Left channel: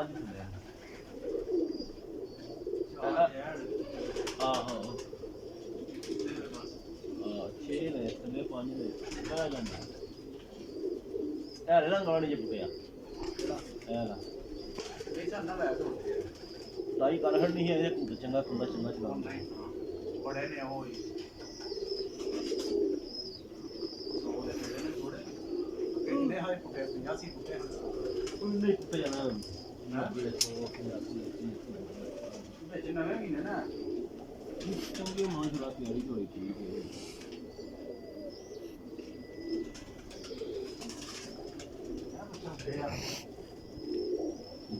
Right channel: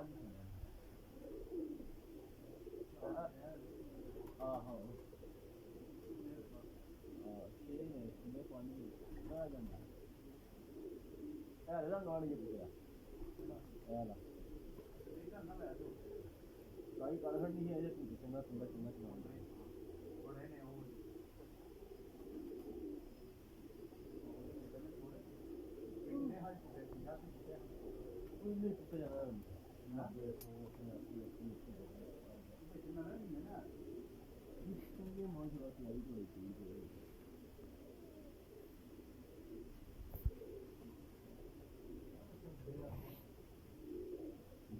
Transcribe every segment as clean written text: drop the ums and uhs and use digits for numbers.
5 ਥੱਲੇ ਆਹੋ 6 ਨੇ ਥੱਲੇ 5 ਨੇ ਬਹਿ ਜਾਂਦਾ ਇਹ ਰੰਗ ਵਾਲਾ ਨਹੀਂ ਪਿਆ ਇਹ ਲਾ ਲਾਈ ਕਰ ਖੜਨੀ ਹੈ ਇਹ ਚੰਗਾ ਖੁੰਦਾ ਚੰਗਾ ਚਲਾਉਂਦਾ ਬੜੇ ਨੇ ਉਹ ਕਿੰਨੇ ਹਾਈ ਪੁੱਟੇ 85 ਪੁੱਟੇ ਉਹਨੇ ਪੁੱਟ ਜਾਣਾ ਵਿੱਚ ਨਵੇਂ ਮਹੀਨੇ ਨਾ ਚੰਗੇ ਮਾਂ ਜਰਾ ਤਿਆਰੀ ਹੋਈ ਠੀਕ ਹੈ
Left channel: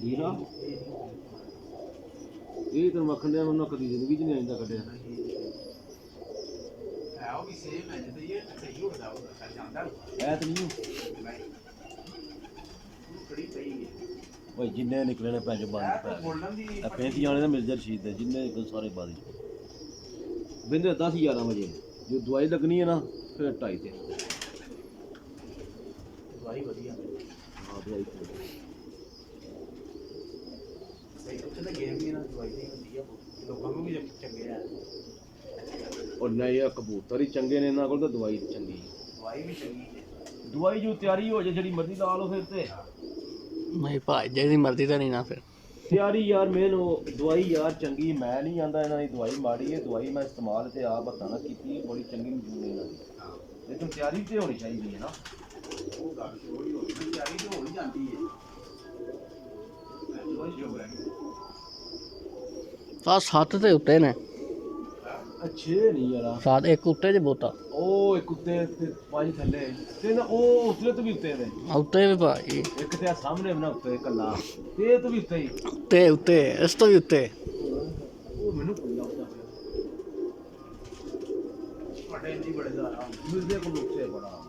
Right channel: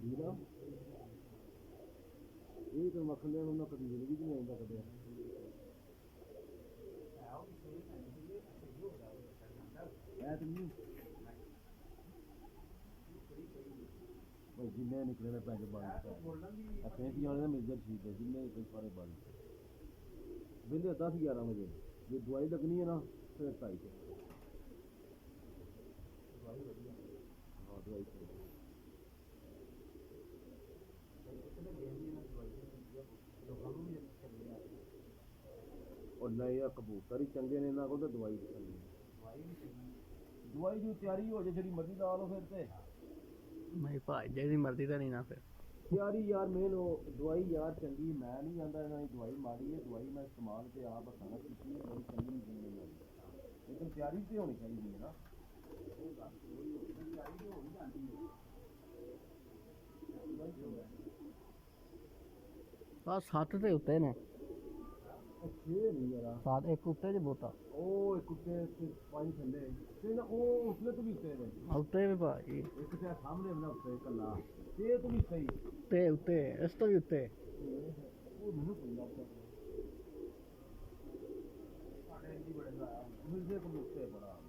ਜੀਰਾ ਇਹ ਤਾਂ ਮੱਖਣ ਦੇ ਉਹਨਾਂ ਕਦੀ ਜ਼ਿੰਦਗੀ 'ਚ ਨਹੀਂ ਆਇੰਦਾ ਕੱਢਿਆ ਹੈ ਉਹ ਵੀ ਸੇਮ ਹੈ ਜਿੱਦਾਂ ਇਹ ਸਹੀ ਹੁੰਦਾ ਉਹ ਜਾਂਦਾ ਐ ਤਾਂ ਨਹੀਂ ਬੜੀ ਸਹੀ ਹੈ ਭਾਈ ਜਿੰਨੇ ਨਿਕਲੇ ਨੇ ਪੈਸੇ ਬੰਦ ਬੋਲਣ ਦੀ ਇਹ 35 ਵਾਲੇ ਦਾ ਮਿਰਜ਼ਾ ਰਸ਼ੀਦ ਦੇ ਜਿੰਨੇ ਨਿਕਲ ਸਾਰੇ ਬਾਦੀ ਬਿੰਦੇ 10-11 ਵਜੇ ਜੋ ਦਵਾਈ ਲੱਗਣੀ ਹੈ ਨਾ ਫਿਰ 2:30 ਤੇ ਦਵਾਈ ਵਧੀਆ ਹਾਂ ਦਵਾਈ ਸਹੀ ਉੱਥੇ ਤਾਂ ਗੇਮ ਵੀ ਨਾ ਦਵਾਈ ਦੀ ਹੁੰਦੀ ਆ ਲੋਕਾਂ ਨੂੰ ਵੀ ਚੰਗੇ ਆ ਔਰ ਨਹੀਂ ਇਹ ਕਬੂਤਰ ਹੀ ਚੰਗੇ ਨੇ ਇਹਨਾਂ ਕੋਲ ਤਾਂ ਦਵਾਈ ਚੰਗੀ ਦਵਾਈ ਵੀ ਚੰਗੀ ਹੈ ਦਵਾਈ ਜੋ ਤਿਆਰੀ ਹੋ ਜਾਏ ਜਿਹੜੀ ਮਰਜ਼ੀ ਲਾ ਲਓ ਫਿਰ ਤੇ ਨਹੀਂ ਭਾਈ ਜਿਹਦੀ ਮਰਜ਼ੀ ਤਾਂ ਨਹੀਂ ਨਾ ਫਿਰ ਤਿਆਰੀ ਯਾਰ ਮੈਨੂੰ ਦਵਾਈ ਯਾਰ ਚੰਗੀ ਮੈਂ ਨਹੀਂ ਆਂਦਾ ਇਹਨਾਂ ਦੀ ਦਵਾਈ ਮਾੜੀ ਹੈ ਦਵਾਈ ਮੈਂ ਇਸਤੇਮਾਲ ਤੇ ਆਪ ਹੱਥਾਂ ਨਾਲ ਕੀਤੀ ਬੜੀ ਚੰਗੀ ਮੌਜੂਦ ਹੈ ਇਹਨਾਂ ਦੀ ਲੇਕਿਨ ਤਿਆਰੀ ਤੇ ਹੋਣੀ ਚਾਹੀਦੀ ਹੈ ਨਾ ਉਹ ਗੱਲ ਥੋੜੀ ਹੋ ਗਈ ਤਿਆਰੀ ਤੇ ਹੋ ਹੀ ਜਾਂਦੀ ਹੈ ਆ 7 ਤੇ ਉੱਤੇ ਨੇ ਅੱਛੇ ਨਹੀਂ ਯਾਰ 7 ਇੱਕ ਉੱਤੇ ਜੇ ਬੋਤਾ ਉਹ ਇੱਕ ਉੱਤੇ ਤੇ 5 ਥੱਲੇ ਤੇ ਨਾ ਉਹ ਉਸਲੇ ਤੋਂ ਵੀ ਉੱਤੇ ਨੇ ਉੱਤੇ ਵੀ ਭਾਈ ਇੱਕ ਤੇ ਆ ਸਾਹਮਣੇ ਬਣਾ ਉੱਤੇ ਕੱਲਾ ਤੇ ਤੋਂ ਵੀ ਉੱਤੇ ਹੀ ਉੱਤੇ ਇਸ ਤੋਂ ਵੀ ਉੱਤੇ ਉਹ ਮੈਨੂੰ ਕੋਈ ਲੱਗਦਾ ਤੁਹਾਡੇ ਇੰਨੀ ਬੜੇ ਦਾ ਮਿਲਦੇ ਕੋਲ ਉੱਤੇ ਬੜਾ